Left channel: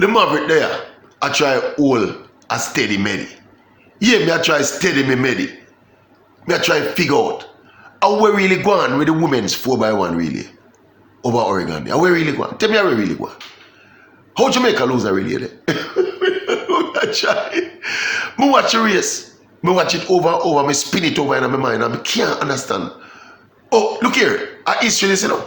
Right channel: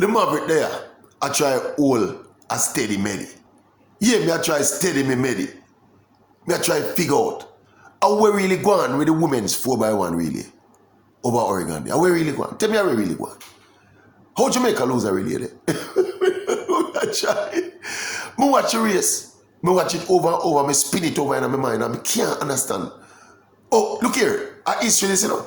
The Maverick there, I try hold a steady medi. Yeah, me I try steady me medi. Me I try figure out how we really go on with the women's 4x1 really over Oregon. How we really go on? Tell me how we really go on. How Jamaica lose a relay there? I try. Me watch the race. Me watch it over and over. Me spin it over in my mind and I can't understand. Oh, look here. A history this, you know.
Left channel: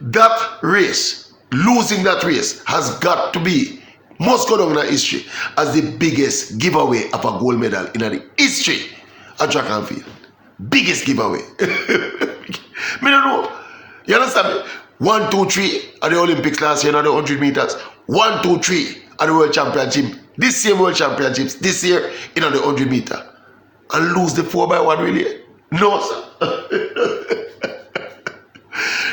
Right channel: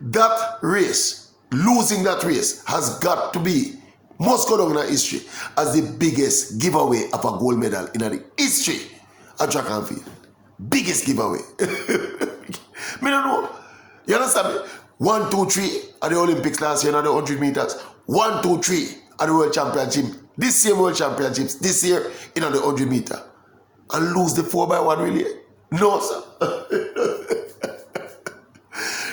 That race, losing that race, has got to be, must go down in our history as the biggest giveaway of a gold medal in the history of track and field. Biggest giveaway. Me don't know. You understand me? 1, 2, 3 at the Olympics last year, another 100 meters. 1, 2, 3 at the World Championship. This same World Championships, this year in the 100 meter. And lose the 4x1 relay? No, sir.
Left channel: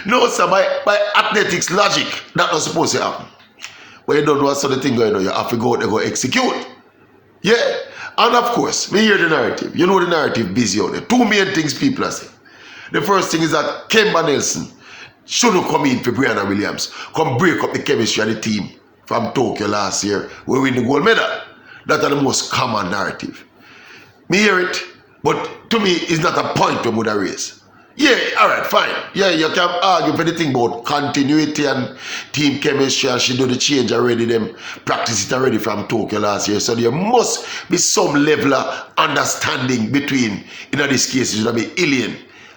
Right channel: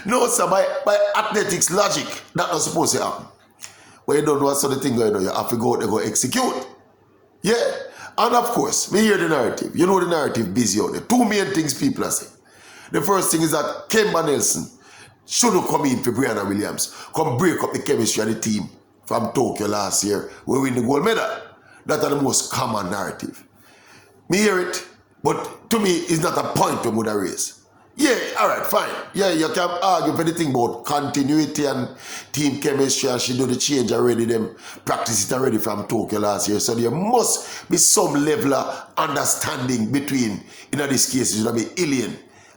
No, sir. By athletics logic, that's not supposed to happen. But you don't know what sort of thing going on. You have to go out there, go execute. Yeah. And of course, me hear the narrative. You know the narrative busy out there. Two main things people are saying. The first thing is that Kemba Nelson shouldn't come in for Brianna Williams. Come break up the chemistry of the team from Tokyo last year. We win the gold medal. That's the most common narrative. Me hear it, but to me, it's not a point to move the race. Yeah, all right, fine. Yeah, you can argue for the thing about continuity and team chemistry, and she do the change already, them practice it already from Tokyo last year. So there must be some level of understanding between, in this case, it should be Ilian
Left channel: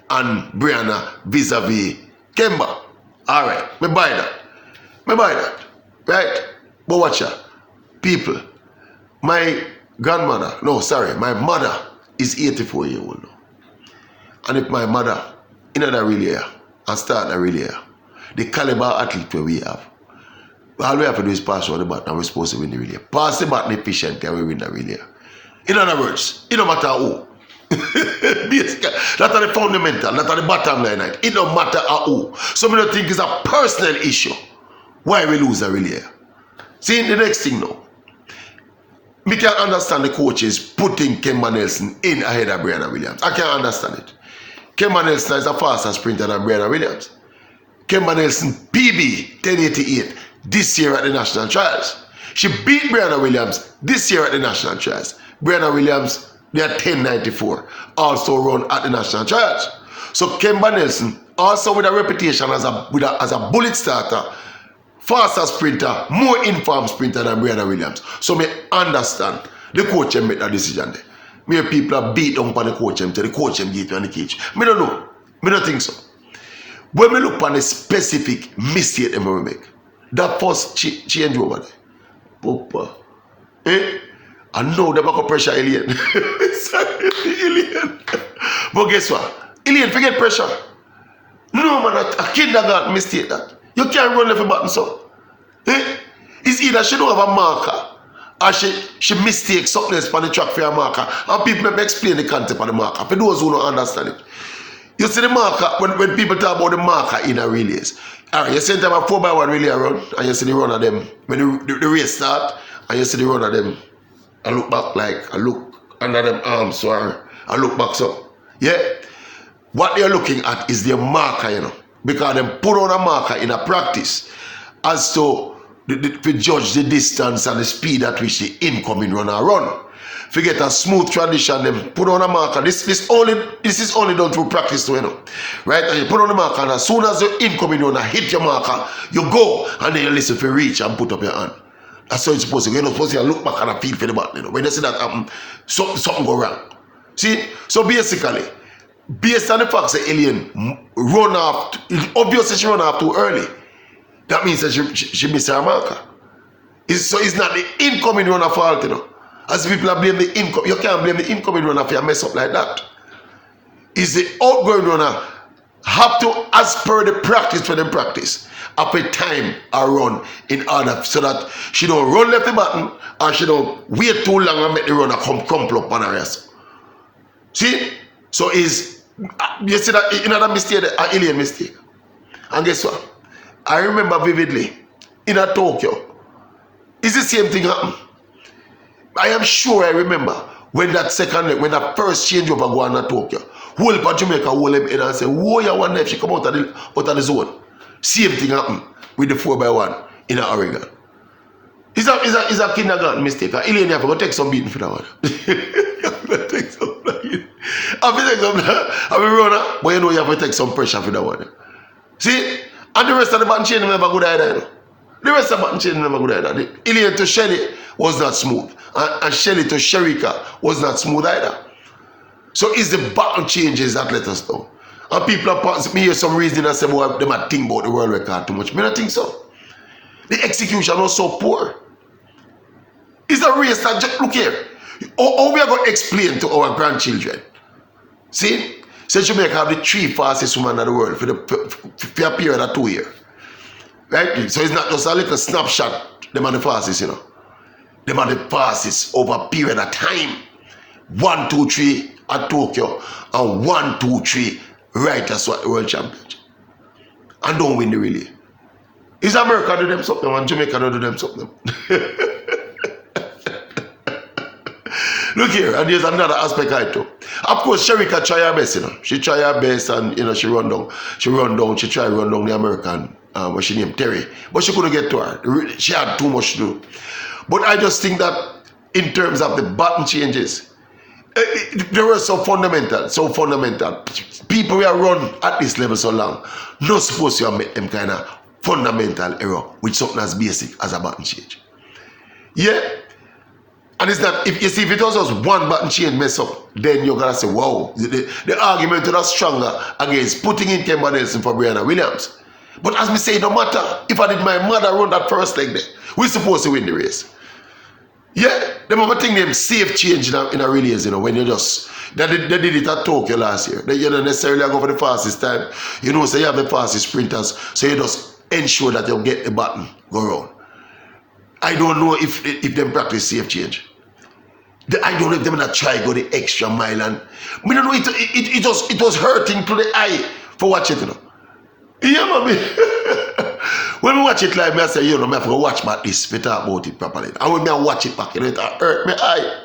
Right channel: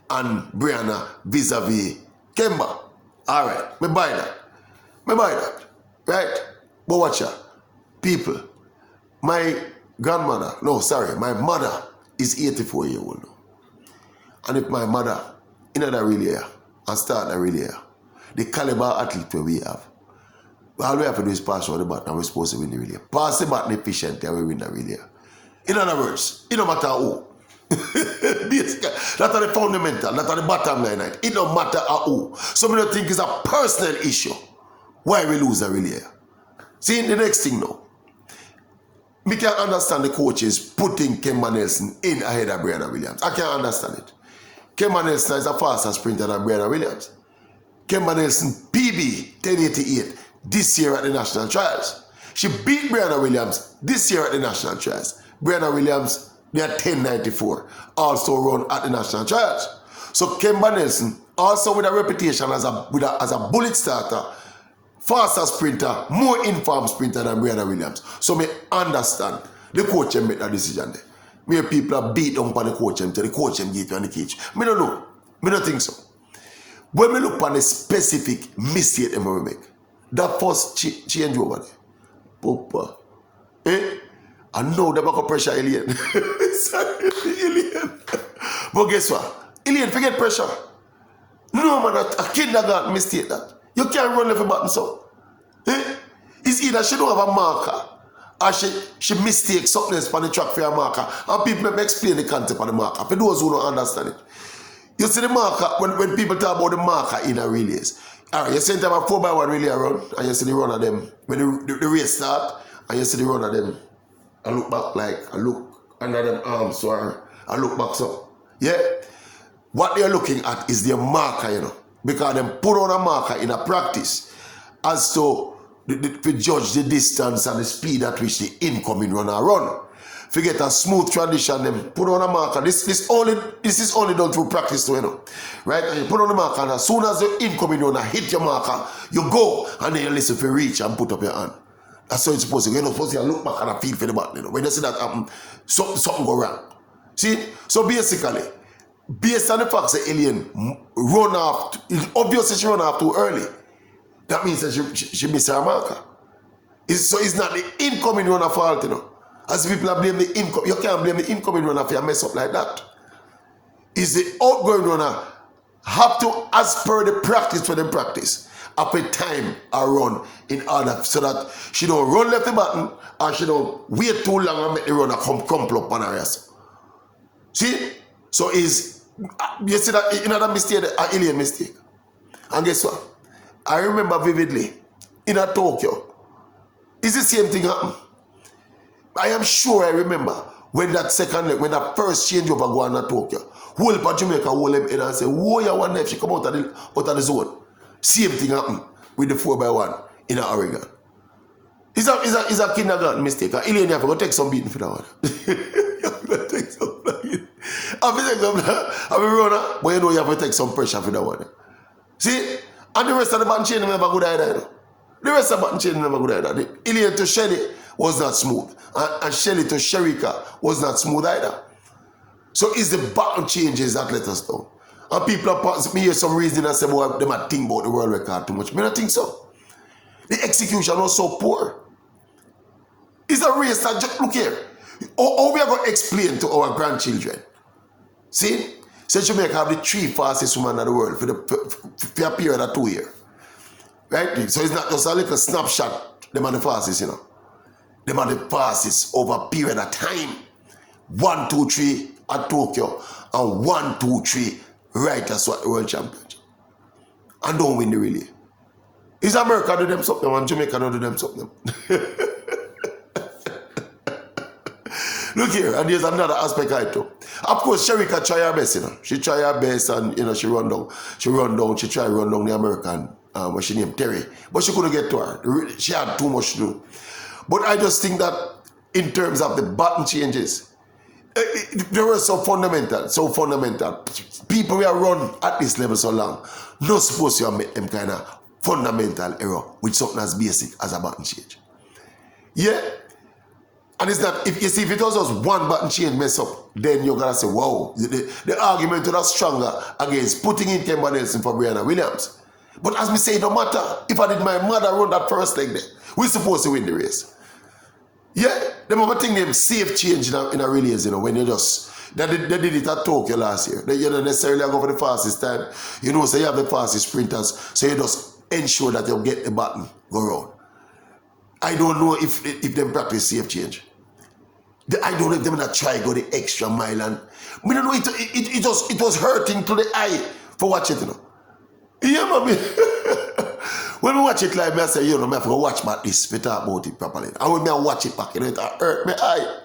and Brianna vis-a-vis Kemba. All right, me buy that. Right? But watch out. People, my grandmother, no, sorry, my mother is 84 years old now. And if my mother, in that relay, and start a relay, the caliber athlete we have, all we have to do is pass on the baton and we're supposed to win the relay. Pass the baton efficiently and we win the relay. In other words, it don't matter who. That's the fundamental, that's the bottom line. It don't matter who. Some of the think it's a personal issue why we lose a relay. See, the next thing now. Me can't understand the coaches putting Kemba Nelson in ahead of Brianna Williams. I can't understand it. Kemba Nelson is a faster sprinter than Brianna Williams. Kemba Nelson PB 1088 this year at the national trials. She beat Brianna Williams this year at the national trials. Brianna Williams, they are 1094, also run at the national trials. So Kemba Nelson, also with a reputation as a bullet starter, faster sprinter, more informed sprinter than Brianna Williams. So me understand the coach make that decision there. Me people are beat on the coach to the coach get on the cage. Me don't know. Me don't think so. When we look on a specific mistake they make, that first change over there. Papa. I know they back up pressure Alien. Sorry, Alien. But guess what? Alien forget pressure. No man, a kindergarten mistake that. You can't run left a button so. It's either she don't have a marker or she mistakes something else on the track for a marker. And people may explain the concept of the marker. For those who don't understand it. You see the marker, when people talk about the marker in a relays. Alright, you see them a 4x1 relay run, and you see the run of them. When the race start, and you see the run of them. I look back like, I look under them arms, so I look back so. Yeah? What they're looking at is their marker, you know. Because they put on a marker in a practice as to judge the distance and the speed at which the incoming runner run. Forget a smooth transition, them put on a marker. This is only done through practice, you know. Right? And you put on the marker, and as soon as the incoming runner hit your marker, you go and then you listen for reach and put up your hand. That's how it's supposed to go. You're not supposed to look back and feel for the button, you know. When you see that happen, something go wrong. See? So basically, based on the fact that Alien run off, obviously she run off too early. That means that she missed her marker. So it's not the incoming runner fault, you know. As people are blaming the incoming, you can't blame the incoming runner if you mess up like that. It's the outgoing runner have to, as per the practice for them practice, up a time or run in order so that she don't run left the button or she don't wait too long and make the runner come crumple up on her ass. See? So you see that another mistake, an alien mistake. And guess what? I remember vividly in a Tokyo. It's the same thing happened. I am sure I remember when that first changeover go on in Tokyo. Whole of Jamaica hold him in and say, whoa, you wonder if she come out of the zone. Same thing happened with the 4x1 in Oregon. It's It's a kindergarten mistake. Elaine, you have to take some beating for that one. You have to take some beating. I'm a runner, but you know you have to take some pressure for that one. See? And the rest of the button chain never good either. The rest of the button chain never good either. Elaine to Shelly was not smooth. And Shelly to Sherika was not smooth either. So it's the button changes that let us know. And people are me hear some reason that say, boy, they might think about the world record too much. I don't think so. The execution was so poor. It's a race that just look here. How we are going to explain to our grandchildren? See? So Jamaica have the 3 fastest women in the world for a period of 2 years. Right? So it's not just a little snapshot, them are the fastest, you know. Them are the fastest over a period of time. 1, 2, 3 at Tokyo and 1, 2, 3 right as what the world championship. And don't win the relay. Is America do them something and Jamaica don't do them something? Look here, and there's another aspect I too. Of course, Sherika try her best, you know. She try her best and, you know, she try to run down the American, what she named Terry. But she couldn't get to her. She had too much to do. But I just think that in terms of the button changes, they were so fundamental. People who are run at this level so long, not supposed to make them kind of fundamental error with something as basic as a button change. Yeah? And it's not, if it was just one button change mess up, then you're going to say, wow, the argument was stronger against putting in Kemba Nelson for Brianna Williams. But as me say, no matter if I did my mother run that first leg there, we're supposed to win the race. Yeah, them other thing them safe change in a relays, you know, when you just, they did it at Tokyo last year. You don't necessarily go for the fastest time. You know, so you have the fastest sprinters, so you just ensure that you get the button go round. I don't know if them practice safe change. I don't know if them not try go the extra mile, and we don't know it was hurting to the eye for watch it, you know. Yeah, mommy. When we watch it live, I say, you know, I have to watch about this, we talk about it properly. And when I watch it back, you know, it hurt my eye.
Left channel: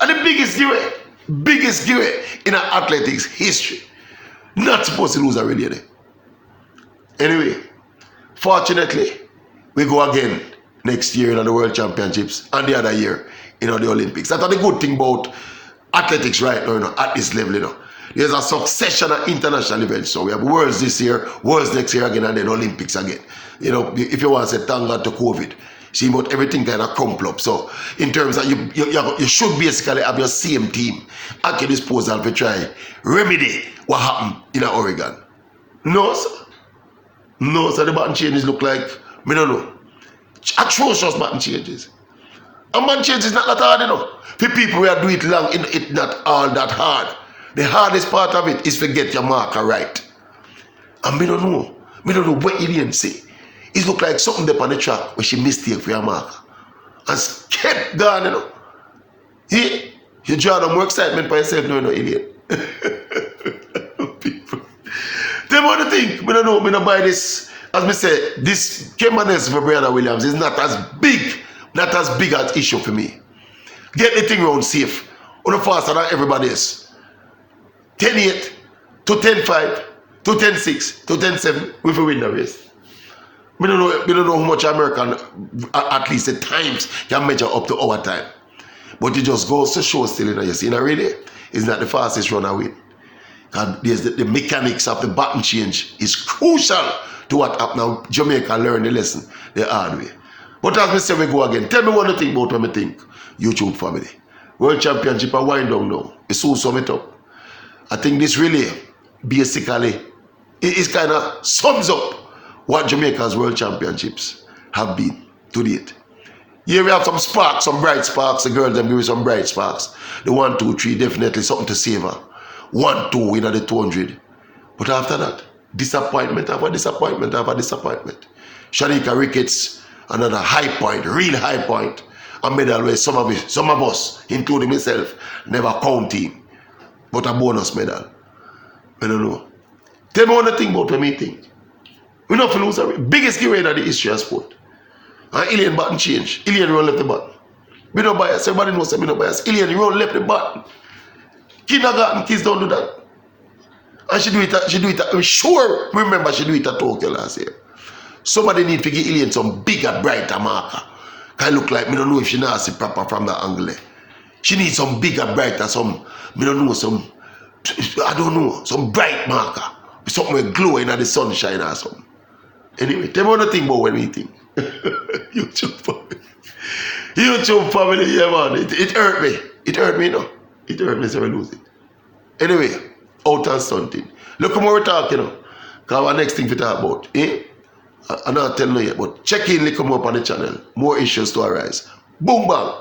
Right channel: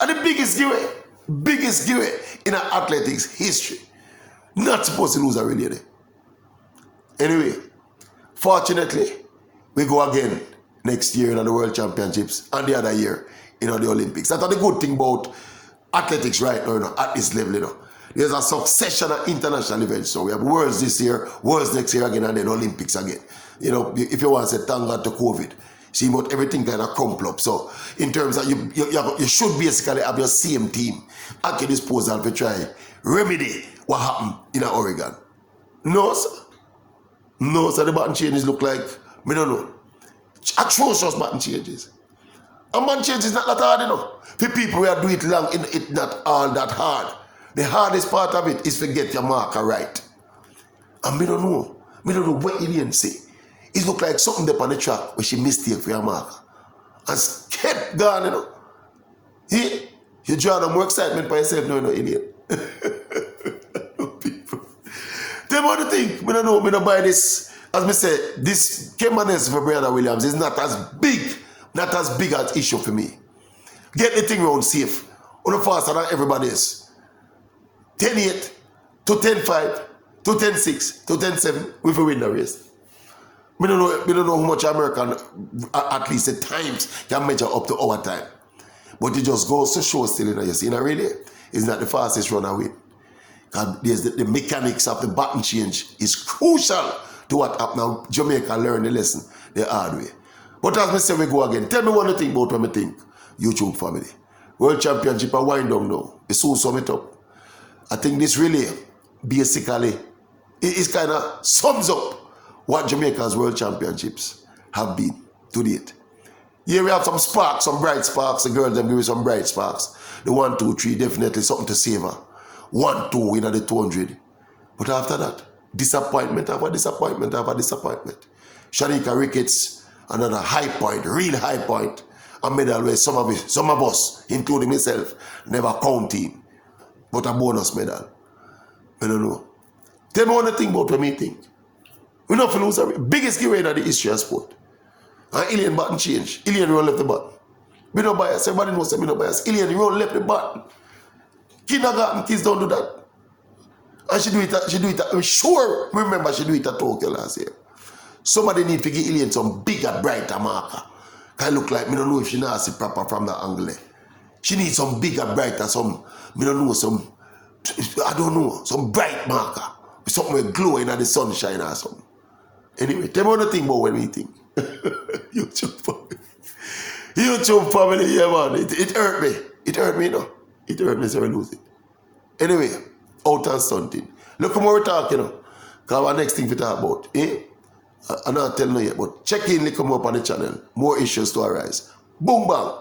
And the biggest giveaway in our athletics history. Not supposed to lose a relay. Anyway, fortunately, we go again next year in the World Championships and the other year in the Olympics. That's the good thing about athletics right now, you know, at this level, you know. There's a succession of international events. So we have Worlds this year, Worlds next year again, and then Olympics again. You know, if you want to say thank God to COVID, see, but everything kind of crumple up. So in terms of you should basically have your same team at your disposal to try remedy what happened in Oregon. No, sir. No, sir, the button changes look like, I don't know, atrocious button changes. And button changes is not that hard, you know. For people who do it long, it's not all that hard. The hardest part of it is to get your marker right. And we don't know what Elaine say. It look like something there on the track when she mistake for your marker. And kept going, you know. You draw them more excitement by yourself, no, Elaine. People. Them other thing, I don't buy this. As I say, this Kemba Nelson for Brianna Williams is not as big as issue for me. Get the thing around safe. On the faster than everybody else. 10-8 to 10-5 to 10-6 to 10-7, we will win the race. We don't know how much American, at least at times, can measure up to our time. But it just goes to show still, in a relay, it's not the fastest runner win. And there's the mechanics of the button change is crucial to what happened. Now, Jamaica learned the lesson the hard way. But as we say, we go again. Tell me what you think about what I think, YouTube family. World Championship are wind down now. It's soon sum it up. I think this really, basically, it kind of sums up what Jamaica's World Championships have been to date. Here we have some sparks, some bright sparks. The girls them give me some bright sparks. The 1, 2, 3, definitely something to savor. 1, 2 in the 200. But after that, disappointment after disappointment after disappointment. Shanika Ricketts, another high point, real high point. A medal where some of us, including myself, never count him. But a bonus medal. I don't know. Tell me what you think about what I think. We're not going to lose. Biggest giveaway in the history of sport. And Elaine button change. Elaine run left the button. We don't bias. Everybody knows that we don't bias. Elaine run left the button. Kindergarten kids don't do that. And she do it. I'm sure, remember she do it at Tokyo last year. Somebody need to give Elaine some bigger, brighter marker. I look like me don't know if she not see proper from the angle. She needs some bigger, brighter, some, me don't know, some, I don't know, some bright marker. Something with glowing at the sunshine or something. Anyway, tell me what you think about when we think. YouTube family. YouTube family, yeah man. It hurt me. It hurt me, you know. It hurt me so I lose it. Anyway, out and something. Look at what we're talking about. Because our next thing we talk about. I'm not telling you yet, but check in, look come up on the channel. More issues to arise. Boom bang.